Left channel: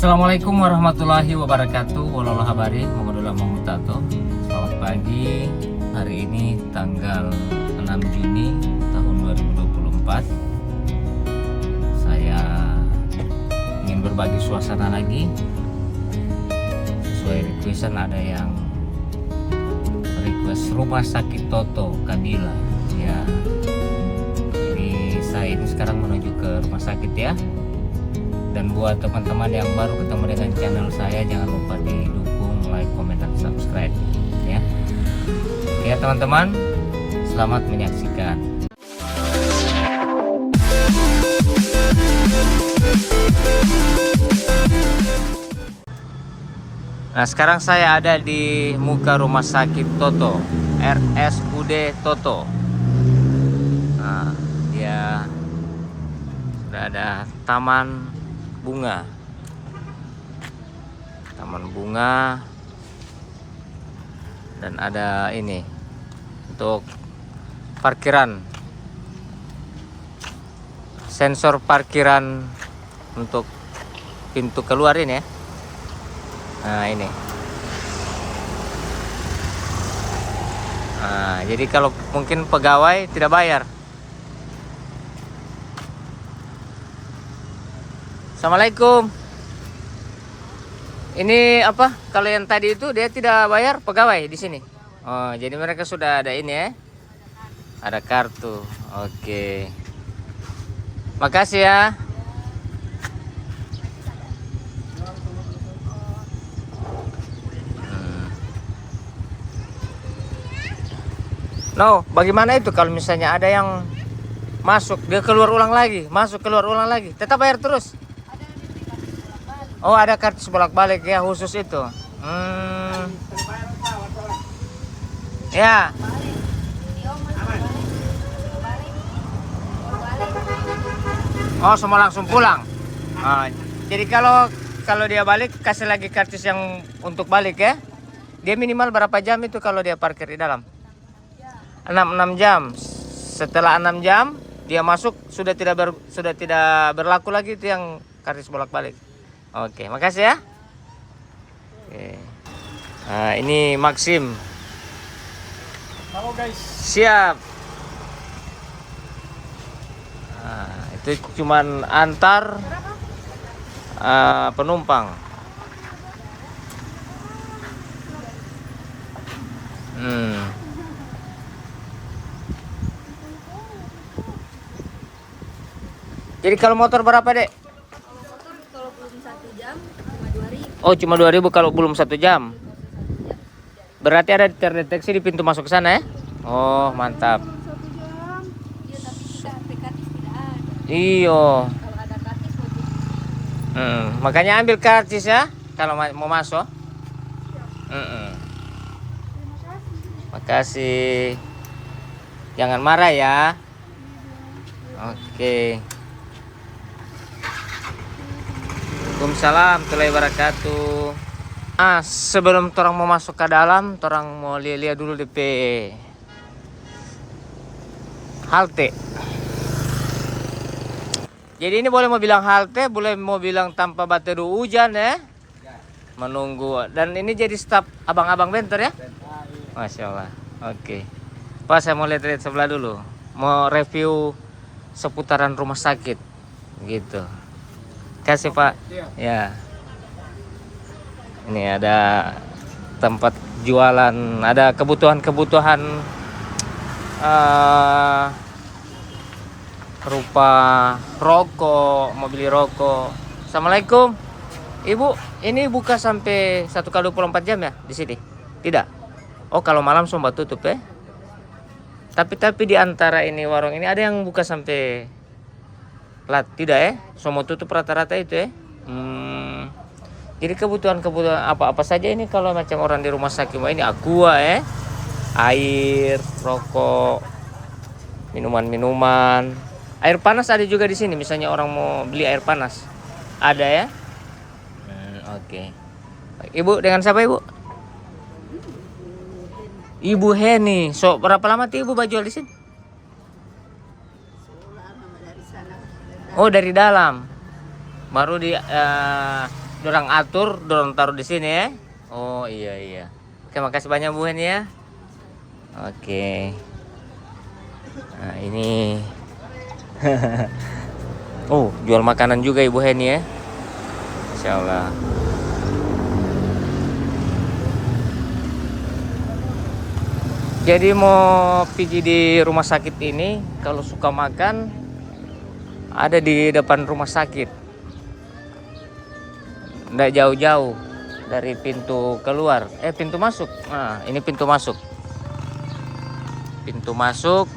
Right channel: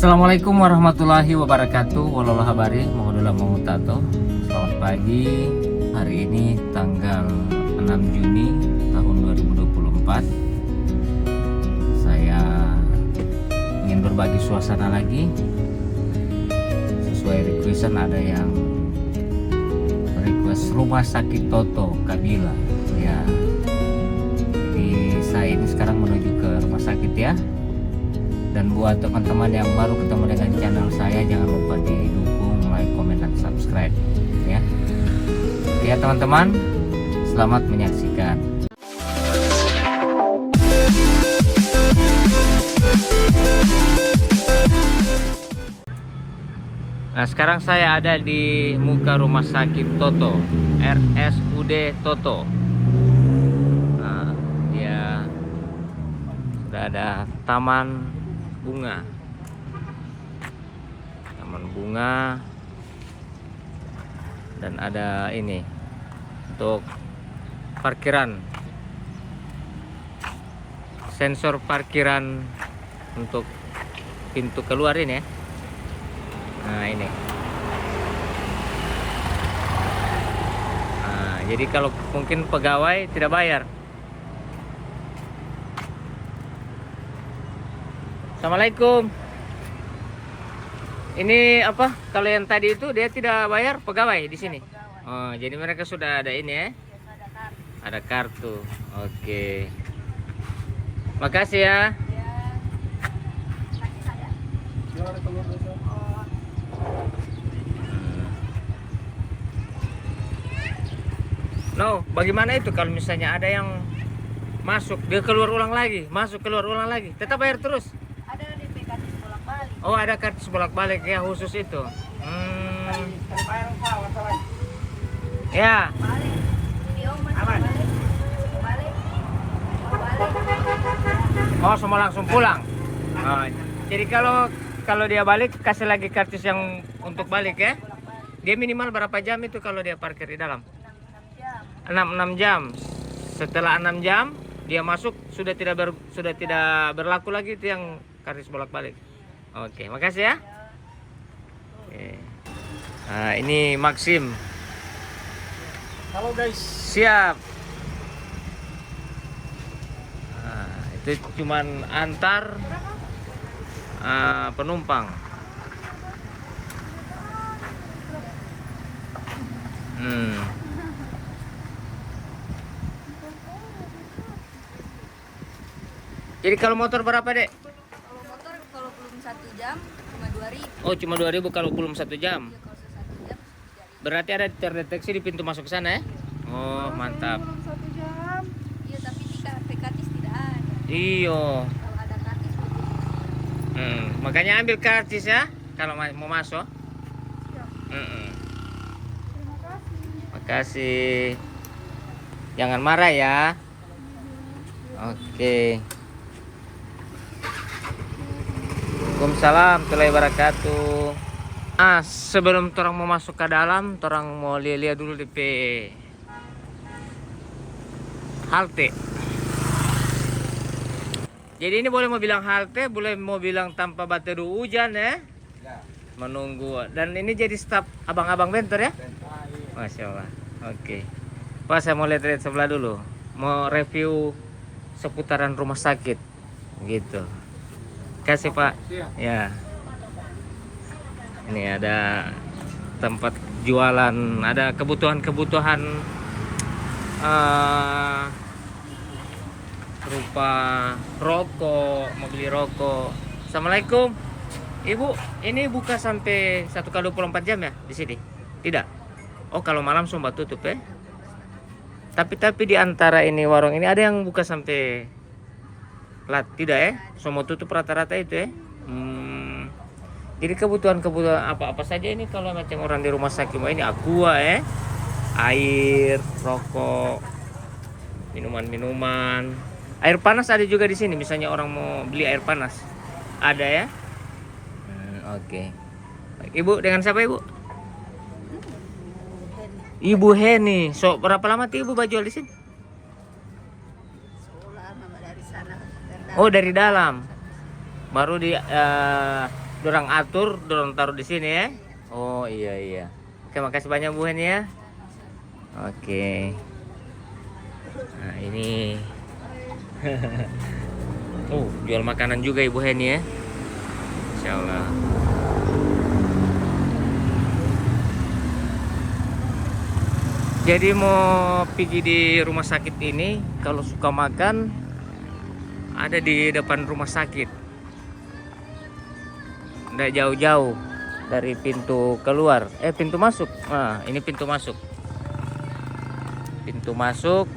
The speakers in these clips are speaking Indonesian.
Assalamualaikum warahmatullahi wabarakatuh. Walau habari mengudula mengutato. Selamat pagi. Hari ini tanggal 6 Juni tahun 2024. Saya ingin berbagi suasana lagi. Sesuai requestan, ada yang request rumah sakit Toto Kabila. Ya. Jadi saya ini sekarang menuju ke rumah sakit ya. Dan buat teman-teman yang baru ketemu dengan channel saya, jangan lupa didukung, like, komen, dan subscribe ya. Ya teman-teman, selamat menyaksikan. Nah, sekarang saya ada di muka rumah sakit Toto, RSUD Toto. Nah, dia sudah ada taman bunga dan ada ini untuk parkiran, sensor parkiran untuk pintu keluar ini ya. Nah ini, nah, jadi kalau mungkin pegawai tidak bayar. Assalamualaikum. Ini apa? Kalau yang tadi itu dia tidak bayar pegawai di sini. Oh, jadi mereka sudah ada ini ya. Ada kartu. Oke. Makasih ya. No, bagaimana itu kalau misalnya ada yang masuk, dia keluar ulang lagi, masuk keluar ulang lagi, tetap bayar terus? Oh, ada kartu bolak-balik ya, khusus itu. Ya. Oh, semua langsung pulang. Jadi kalau dia balik, kasih lagi karcis yang untuk balik ya. Dia minimal berapa jam itu kalau dia parkir di dalam? 6 jam. Setelah 6 jam dia masuk, sudah tidak berlaku lagi itu yang karcis bolak-balik. Oke, makasih ya. Oke. Nah, ini Maxim. Halo guys. Siap. Nah, itu cuman antar penumpang. Jadi kalau motor berapa, Dek? Kalau belum 1 jam cuma 2.000. Oh, cuma 2.000 kalau belum 1 jam. Berarti ada terdeteksi di pintu masuk ke sana ya? Oh, mantap. Iya, tapi kita HP karcis tidak ada. Iyo. Kalau ada karcis Makanya ambil karcis ya kalau mau masuk. Makasih. Jangan marah ya. Oke. Waalaikumsalam warahmatullahi wabarakatuh. Sebelum torang mau masuk ke dalam, torang mau lihat dulu DP halte. Jadi ini boleh mau bilang halte, boleh mau bilang tanpa baterai hujan ya. Menunggu. Dan ini jadi staf abang-abang bentor ya. Masya Allah. Oke. Pak, saya mau lihat sebelah dulu. Mau review seputaran rumah sakit gitu. Kasih Pak. Ya. Ini ada tempat jualan, ada kebutuhan-kebutuhan berupa rokok, mau beli rokok. Assalamualaikum. Ibu, ini buka sampai 1x24 jam ya di sini? Tidak. Oh, kalau malam semua tutup ya. Tapi di antara ini warung ini ada yang buka sampai tidak ya? Semua tutup rata-rata itu ya. Jadi kebutuhan-kebutuhan apa-apa saja ini kalau macam orang di rumah sakit ini aqua ya. Air, rokok, minuman-minuman. Air panas ada juga di sini, misalnya orang mau beli air panas. Ada ya? Oke. Ibu dengan siapa Ibu? Ibu Heni. So, berapa lama tuh Ibu jual di sini? Lama dari sana. Oh, dari dalam. Baru di dorang atur, dorang taruh di sini ya. Oh iya iya. Oke, makasih banyak Bu Hen ya. Oke. Nah ini. Oh, jual makanan juga Ibu Hen ya. Masya Allah. Jadi mau pergi di rumah sakit ini, kalau suka makan ada di depan rumah sakit. Nggak jauh-jauh dari pintu keluar, pintu masuk. Nah, ini pintu masuk. Pintu masuk.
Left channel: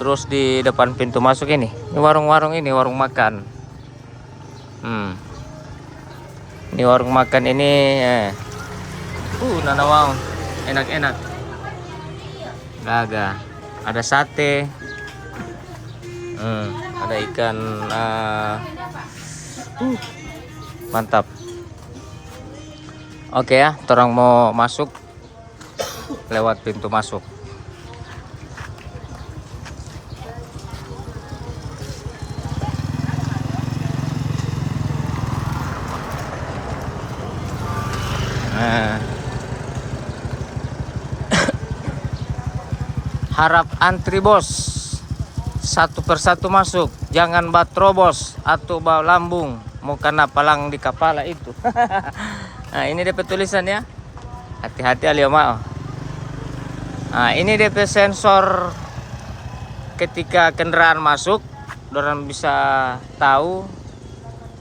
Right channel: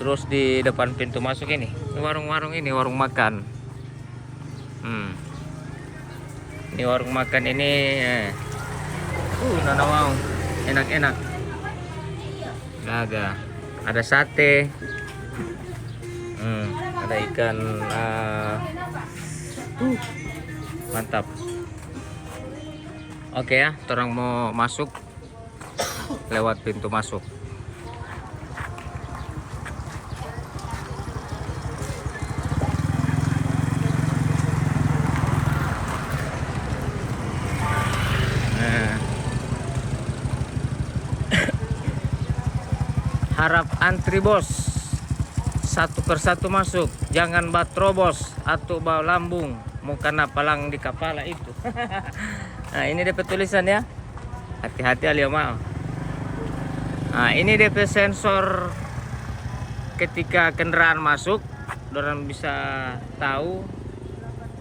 Terus di depan pintu masuk ini warung-warung, ini warung makan. Ini warung makan ini. Nana mau enak-enak. Ada sate. Ada ikan. Mantap. Oke ya, orang mau masuk lewat pintu masuk. Harap antri bos, satu persatu masuk, jangan batrobos atau bau lambung, mau kena palang di kepala itu. Nah ini DP tulisan ya, hati-hati alia mau. Nah ini DP sensor ketika kendaraan masuk, orang bisa tahu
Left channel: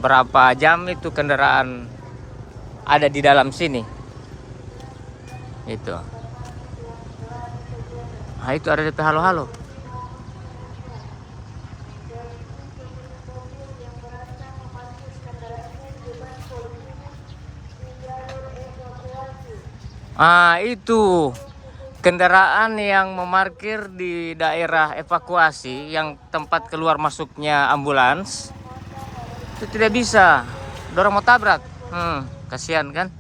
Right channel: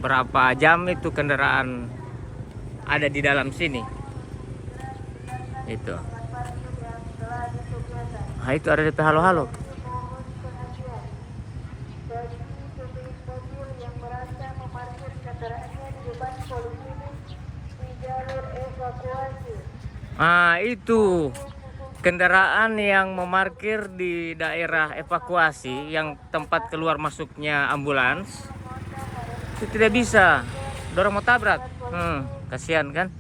berapa jam itu kendaraan ada di dalam sini. Itu. Nah itu ada DP halo-halo. Itu kendaraan yang memarkir di daerah evakuasi, yang tempat keluar masuknya ambulans, itu tidak bisa. Dorong mau tabrak. Kasihan kan?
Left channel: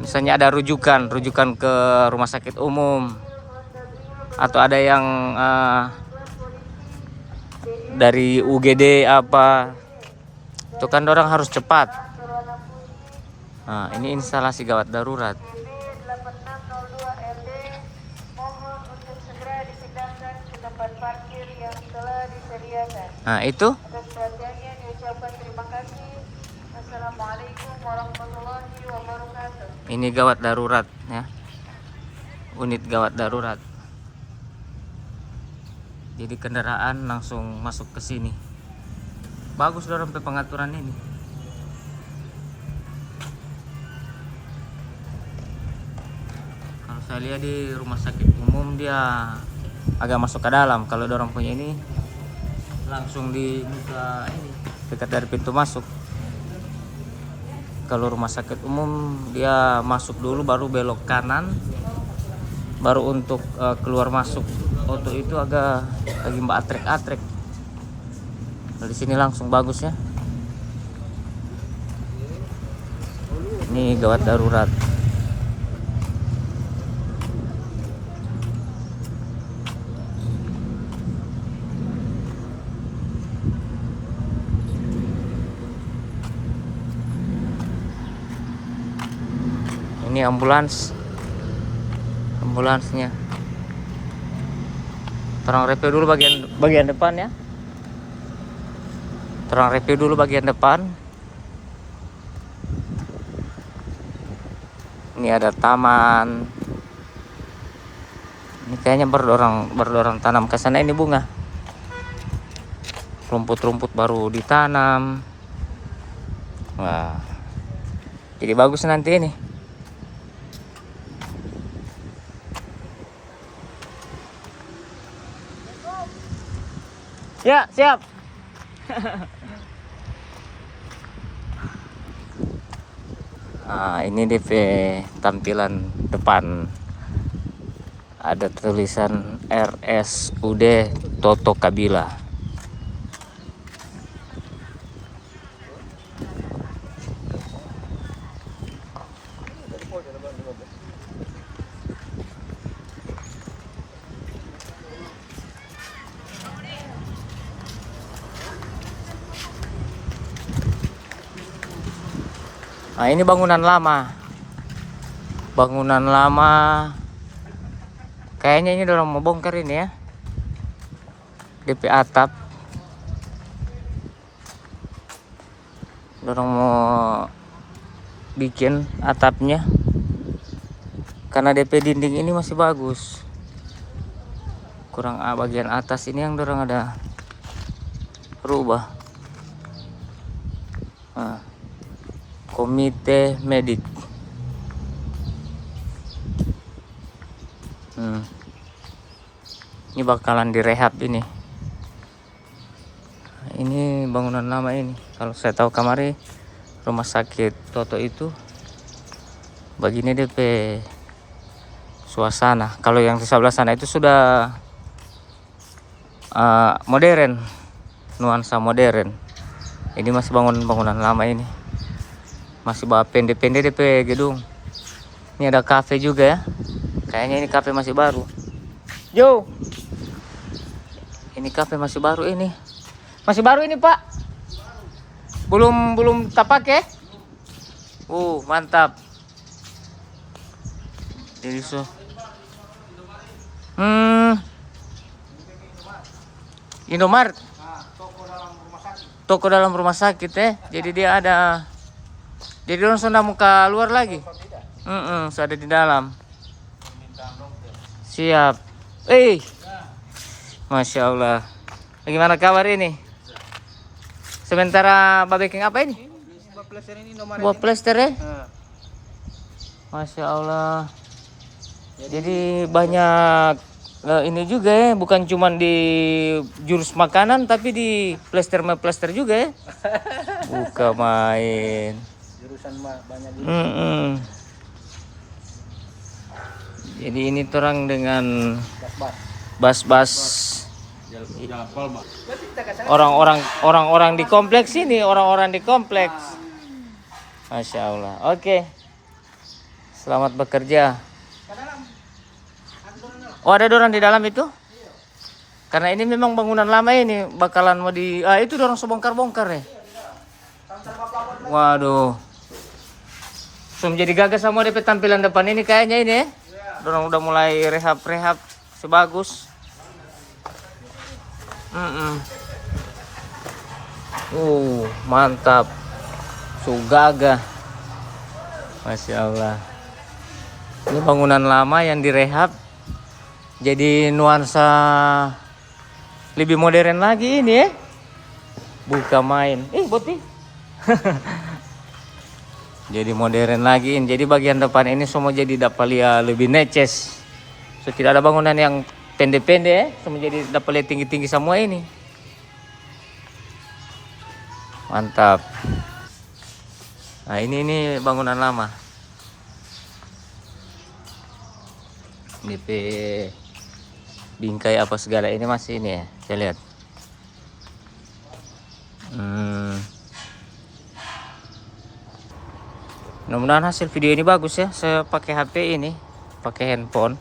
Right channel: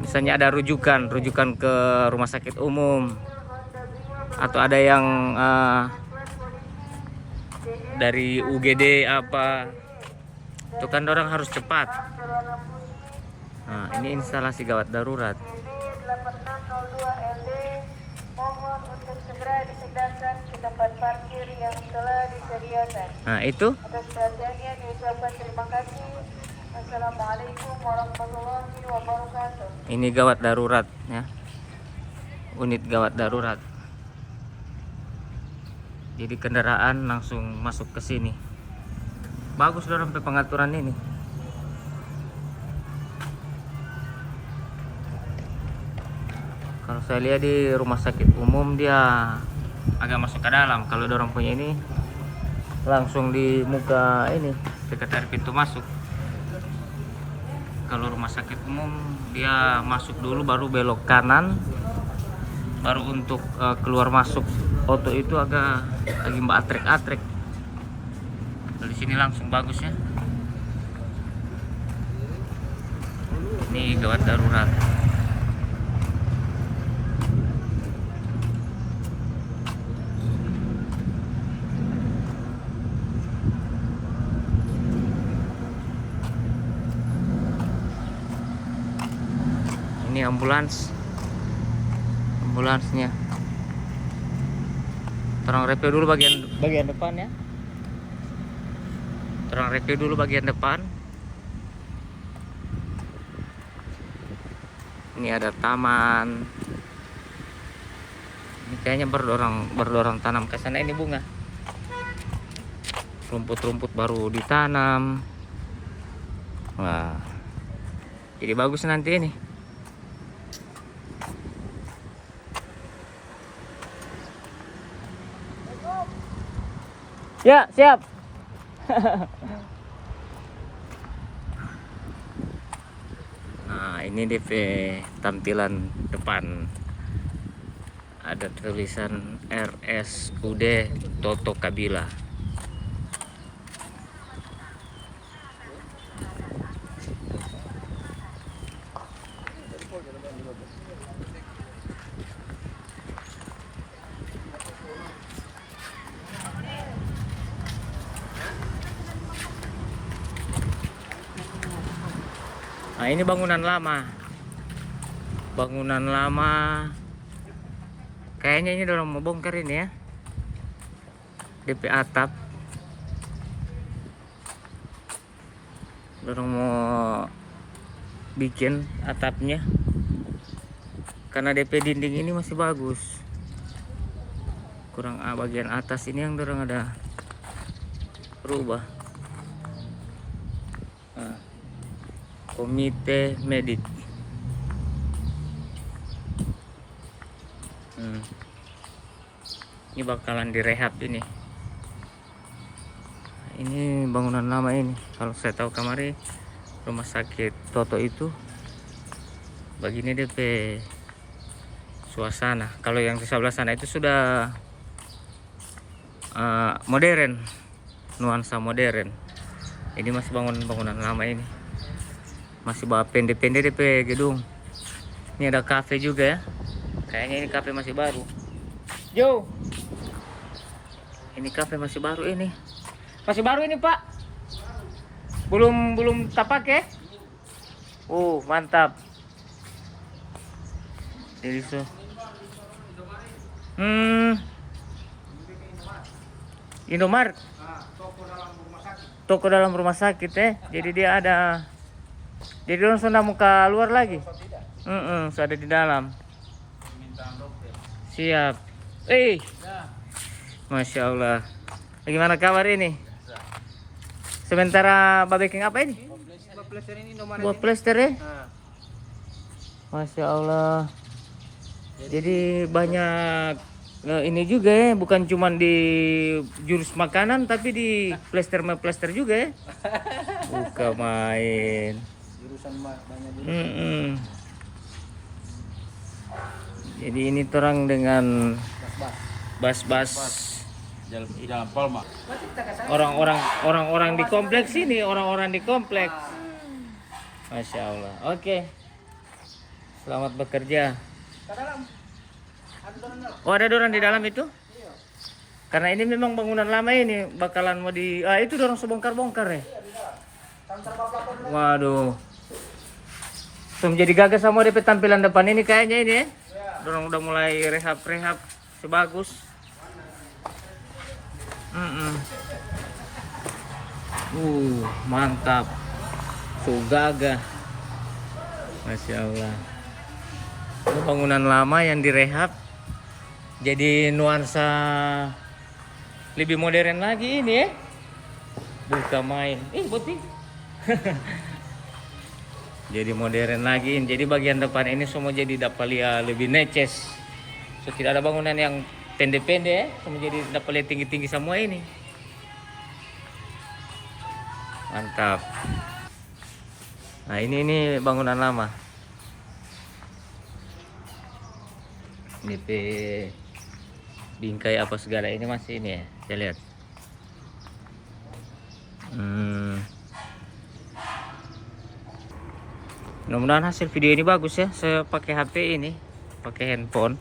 Misalnya ada rujukan ke rumah sakit umum, atau ada yang dari UGD apa, itu kan orang harus cepat. Nah ini instalasi gawat darurat. Nah itu ini gawat darurat ya, unit gawat darurat. Jadi kendaraan langsung masuk ke sini. Bagus dorong pengaturan ini. Kalau saya lihat di rumah sakit umum dia agak masuk ke dalam. Kalau dorong punya ini langsung di muka ini, dekat dari pintu masuk. Kalau rumah sakit umum dia masuk dulu baru belok kanan, baru untuk keluar masuk auto itu agak lagi atrek-atrek. Kalau di sini langsung bagus ya. Ini gawat darurat. Ini ambulansnya. Terang review dulu bagian depan ya. Terang review dulu bagian depan. Ini ada taman. Ini kayaknya berdorong tanam ke sana, ini bunga. Rumput-rumput baru ditanam. Wah. Jadi bagus nanti ini. Ya, siap. Ini DP tampilan depan. Ada tulisan RSUD Toto Kabila. Nah, ini bangunan lama. Bangunan lama. Kayaknya ini dorong mau bongkar ini ya. DP atap. Dorong mau bikin atapnya. Karena DP dinding ini masih bagus. Kurang bagian atas ini yang dorong ada berubah. Nah, komite medik. Ini bakalan direhab ini. Ini bangunan lama ini. Kalau saya tahu kamari rumah sakit Toto itu begini DP suasana. Kalau yang di sebelah sana itu sudah modern, nuansa modern. Ini masih bangunan lama ini. Masih bawa pendek-pendek DP gedung. Ini ada kafe juga ya. Kayaknya ini kafe masih baru. Yo. Ini kafe masih baru ini. Masih baru ini, Pak. Belum tak pakai. Mantap. Jadi so. Indomaret. Toko dalam rumah sakit Jadi dia ada. Jadi langsung mau keluar lagi. Sudah di dalam. Siap. Masya Allah. Bagaimana kabar ini? Sementara babeking apa ini? Buah plester ya? Masya Allah. Jadi banyak ini juga ya, bukan cuma di jurus makanan tapi di plester juga ya. Buka main. Jurusan banyak juga. Jadi ini terang dengan bas-bas Jalan Palma. orang-orang di kompleks ini, orang-orang di kompleks. Masya Allah. Oke. Selamat bekerja. Oh, ada dorang di dalam itu? Karena ini memang bangunan lama ini, bakalan mau itu dorang sebongkar-bongkar ya. Waduh. So, menjadi gagah sama DP tampilan depan ini kayaknya ini ya. Dorang udah mulai rehab-rehab sebagus. Mantap. Sugaga. Masya Allah. Ini bangunan lama yang direhab. Jadi nuansa lebih modern lagi ini ya. Buka main. Boti. Jadi modern lagi. Jadi bagian depan ini semua jadi dapat lihat lebih neces. So, tidak ada bangunan yang pendek-pendek ya. Semua jadi dapat lihat tinggi-tinggi semua ini. Mantap. Nah, ini bangunan lama. DP bingkai apa segala ini masih ini ya. Saya lihat. Mudah-mudahan hasil video ini bagus ya. Saya pakai HP ini, pakai handphone.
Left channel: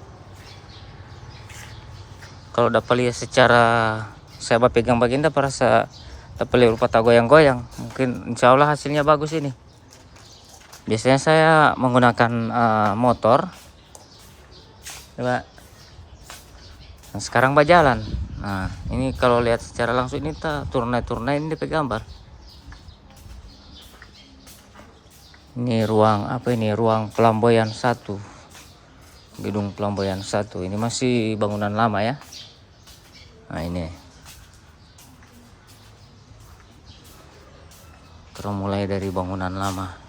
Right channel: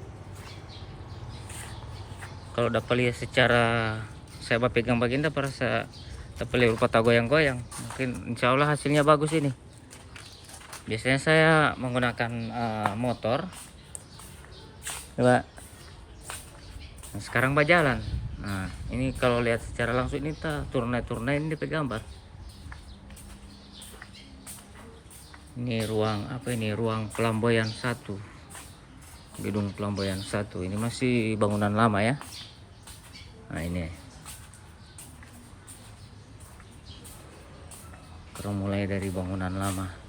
Kalau dapat lihat secara saya pegang bagian dapat rasa dapat lihat rupa goyang-goyang. Mungkin insya Allah hasilnya bagus ini. Biasanya saya menggunakan motor. Coba. Nah, sekarang berjalan. Nah, ini kalau lihat secara langsung ini turna-turna ini DP gambar. Ini ruang apa ini? Ruang Pelamboyan 1. Gedung Pelamboyan 1. Ini masih bangunan lama ya. Nah, ini. Kita mulai dari bangunan lama.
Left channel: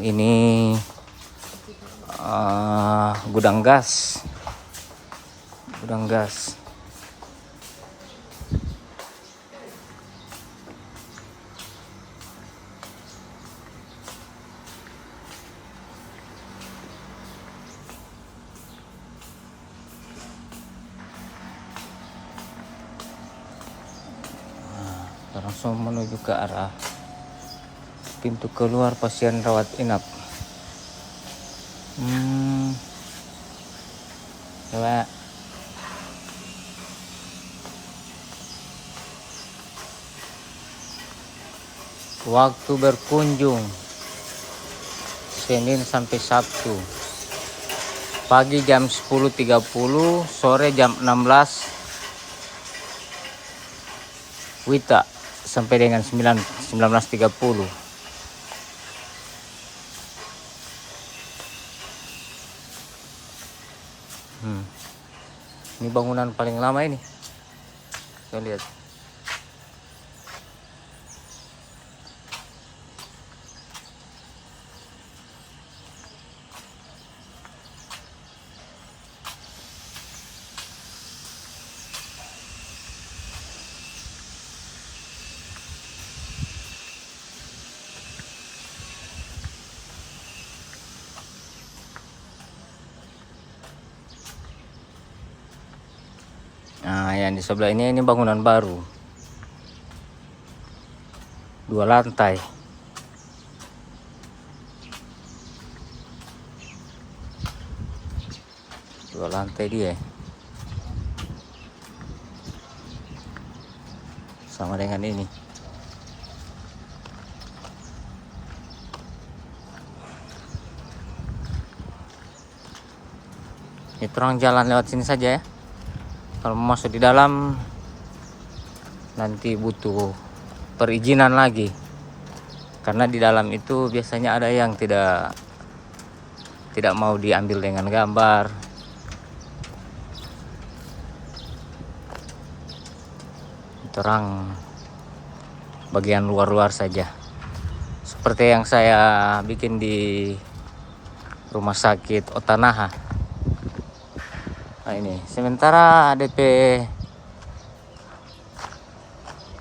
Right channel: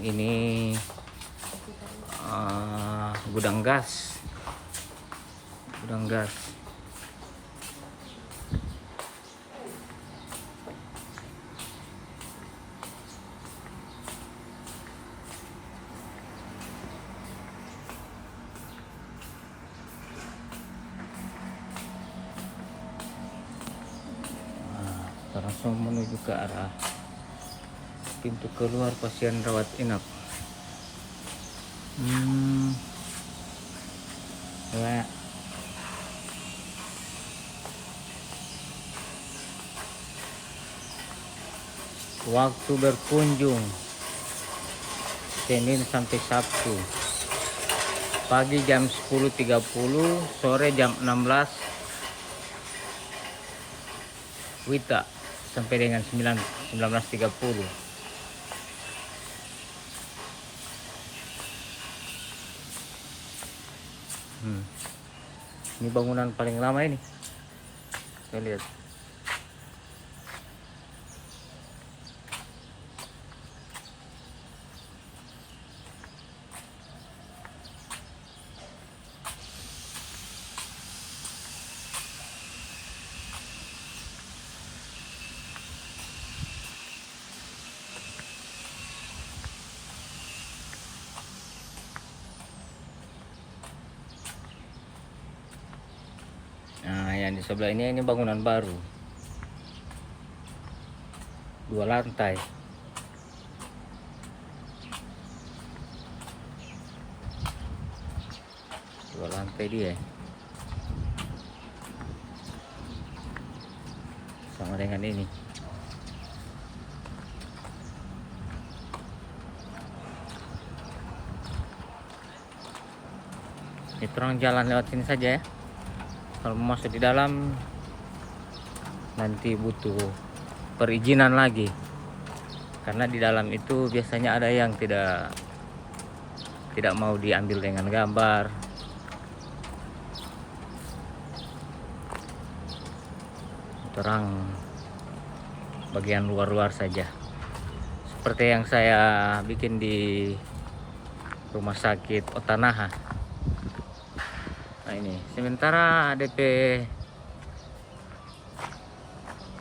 Ini gudang gas. Langsung menuju ke arah pintu keluar pasien rawat inap. Coba. Waktu berkunjung Senin sampai Sabtu. Pagi jam 10.30, sore jam 16 Wita sampai dengan 19.30. Ini bangunan paling lama ini. Kita lihat. Nah, yang di sebelah ini bangunan baru. 2 lantai. Dua lantai dia. Sama dengan ini. Itu orang jalan lewat sini saja ya. Kalau mau masuk di dalam nanti butuh perizinan lagi, karena di dalam itu biasanya ada yang tidak mau diambil dengan gambar. Terang bagian luar-luar saja, seperti yang saya bikin di rumah sakit Otanaha. Nah ini sementara DP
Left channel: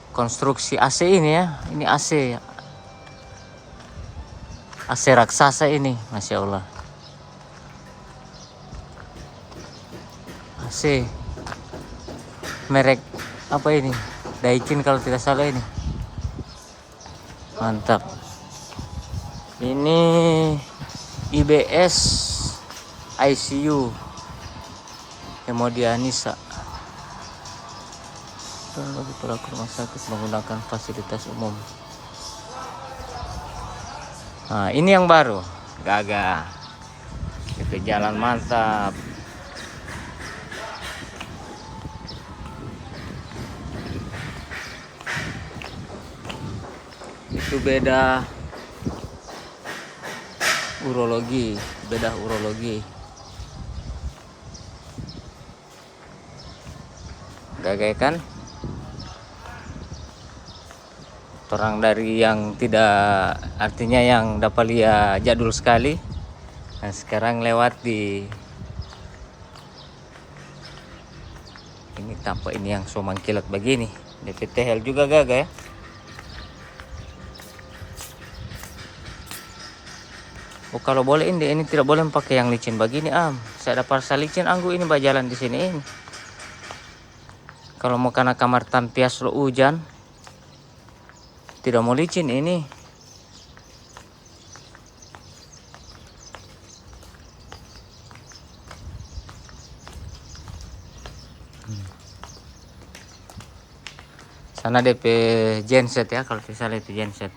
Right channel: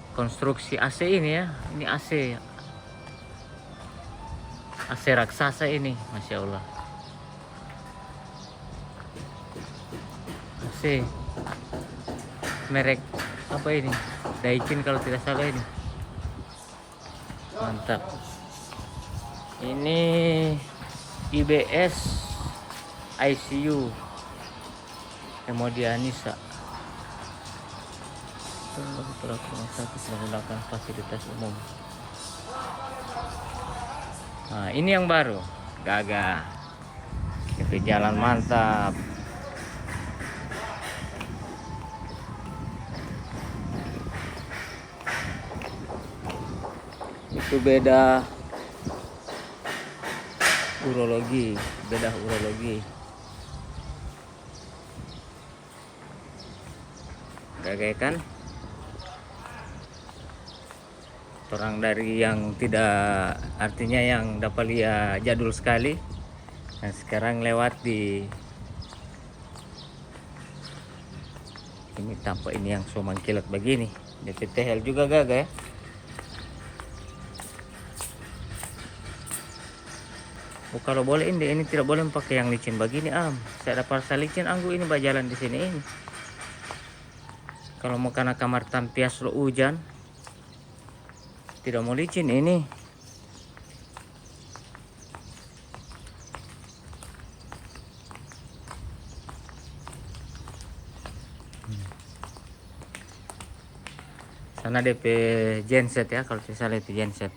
konstruksi AC ini ya, ini AC raksasa ini, Masya Allah. AC merek apa ini, Daikin kalau tidak salah ini. Mantap. Ini IBS ICU Hemodialisa bagi pelaku rumah sakit menggunakan fasilitas umum. Nah ini yang baru, gagah, itu jalan mantap. Itu beda urologi. Gagah kan? Orang dari yang tidak, artinya yang dapat lihat jadul sekali. Nah sekarang lewat di ini tampak ini yang so mengkilat begini. DPT Hel juga gagah ya. Oh kalau boleh ini tidak boleh pakai yang licin begini Saya dapat licin anggu ini berjalan di sini ini. Kalau mau karena kamar tampias lo hujan, tidak mau licin ini. Sana DP genset ya, kalau tidak salah itu genset.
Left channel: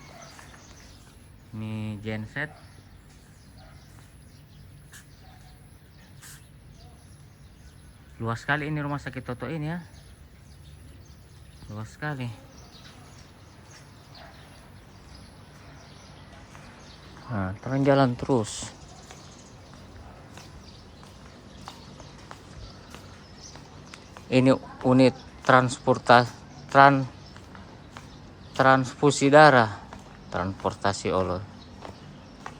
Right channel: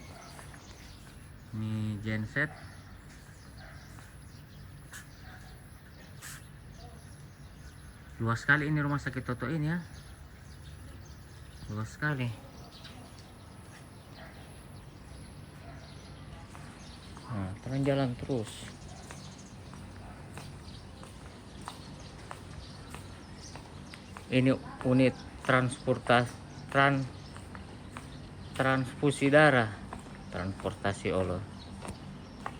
Ini genset. Luas sekali ini rumah sakit Toto ini ya. Luas sekali. Nah, terus jalan terus. Ini unit transfusi darah.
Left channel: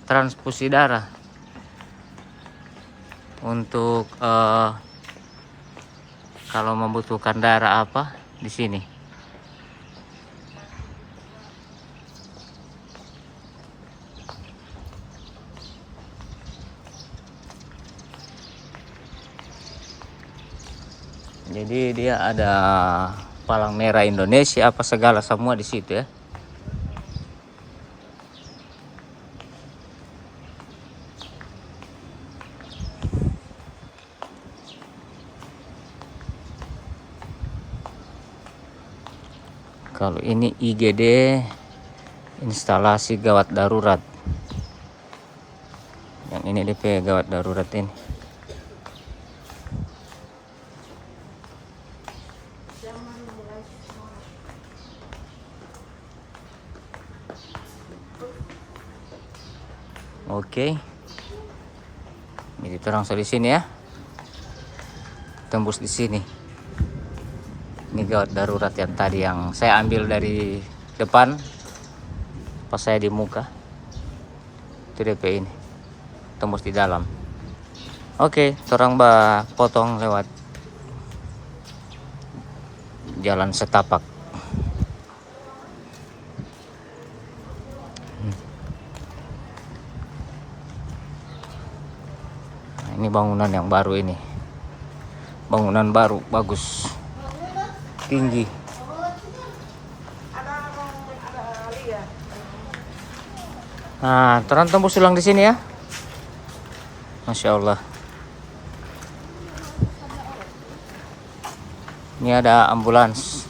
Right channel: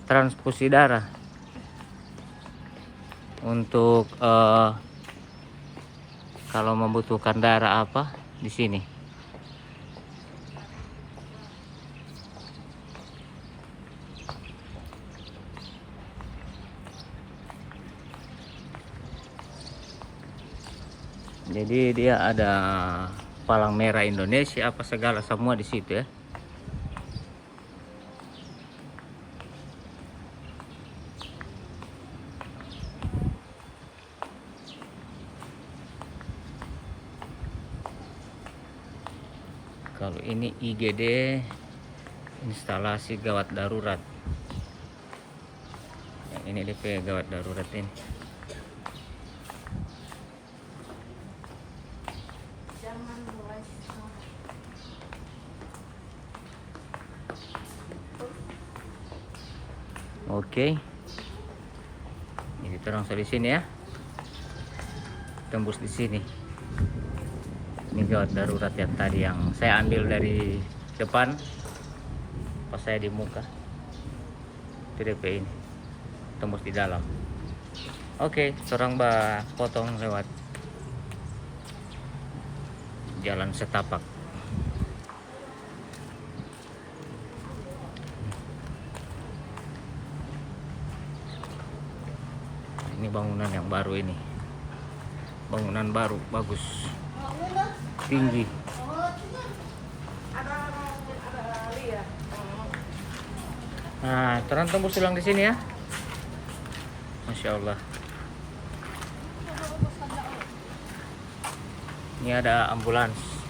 Transfusi darah. Untuk kalau membutuhkan darah apa di sini. Jadi dia ada Palang Merah Indonesia apa segala semua di situ ya. Kalau ini IGD, instalasi gawat darurat. Dan ini DP gawat darurat ini. Oke. Jadi terang di sini ya. Tembus di sini. Ini gawat darurat yang tadi yang saya ambil dari depan pas saya di muka. Itu DP ini. Tembus di dalam. Oke, orang potong lewat jalan setapak. Ini bangunan yang baru ini. Bangunan baru bagus. Tinggi. Nah, terang tembus ulang di sini ya. Masya Allah. Ini ada ambulans.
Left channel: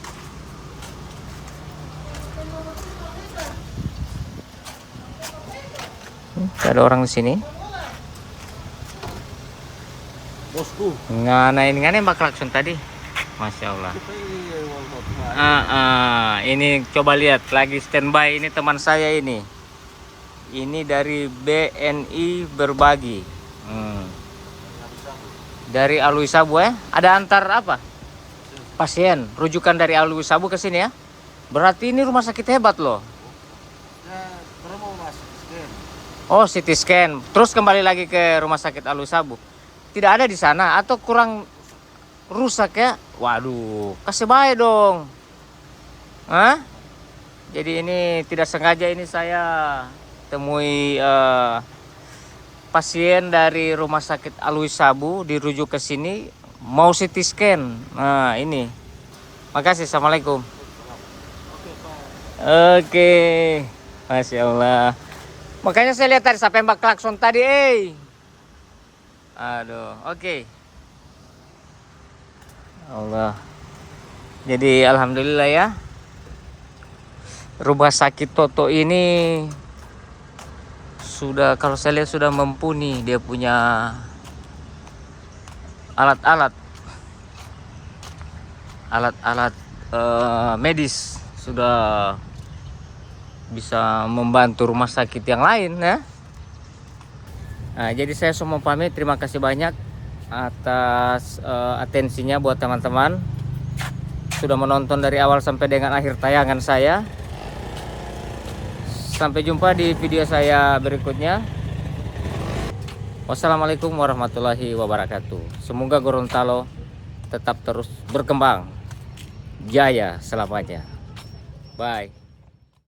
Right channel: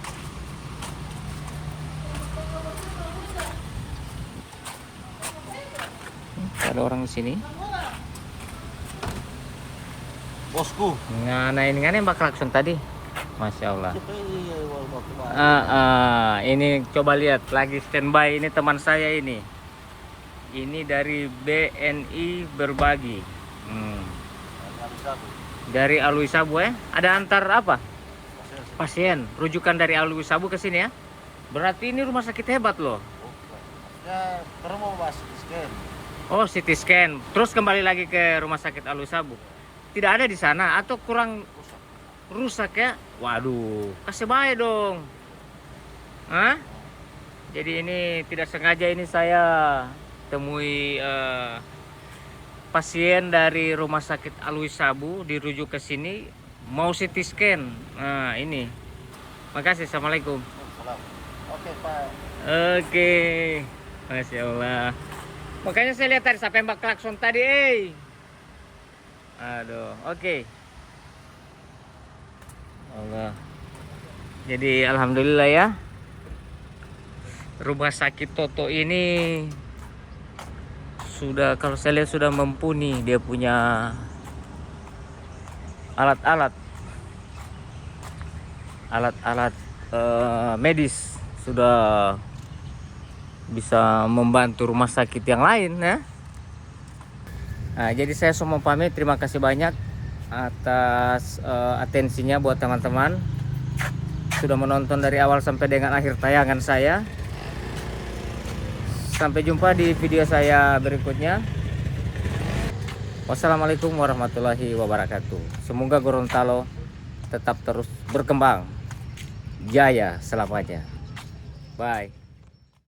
Ada orang di sini. Bosku. Nah, ini kan yang klakson tadi. Masya Allah. Ini coba lihat lagi standby ini teman saya ini. Ini dari BNI Berbagi. Dari Alwi Sabu ya. Ada antar apa? Pasien. Rujukan dari Alwi Sabu ke sini ya. Berarti ini rumah sakit hebat loh. Oh, CT scan. Terus kembali lagi ke rumah sakit Alwi Sabu. Tidak ada di sana atau kurang rusak ya? Waduh, kasih baik dong. Hah? Jadi ini tidak sengaja ini saya temui pasien dari rumah sakit Alwi Sabu dirujuk ke sini mau CT scan. Nah, ini. Makasih. Assalamualaikum. Oke, Pak. Oke. Masya Allah. Makanya saya lihat tadi sampai mbak klakson tadi, Aduh, oke. Allah. Jadi alhamdulillah ya. Rumah sakit Toto ini sudah, kalau saya lihat sudah mumpuni, dia punya alat-alat medis, sudah bisa membantu rumah sakit yang lain ya. Nah, jadi saya semua pamit, terima kasih banyak atas atensinya buat teman-teman sudah menonton dari awal sampai dengan akhir tayangan saya. Sampai jumpa di video saya berikutnya. Wassalamualaikum warahmatullahi wabarakatuh. Semoga Gorontalo tetap terus berkembang jaya selamanya. Bye.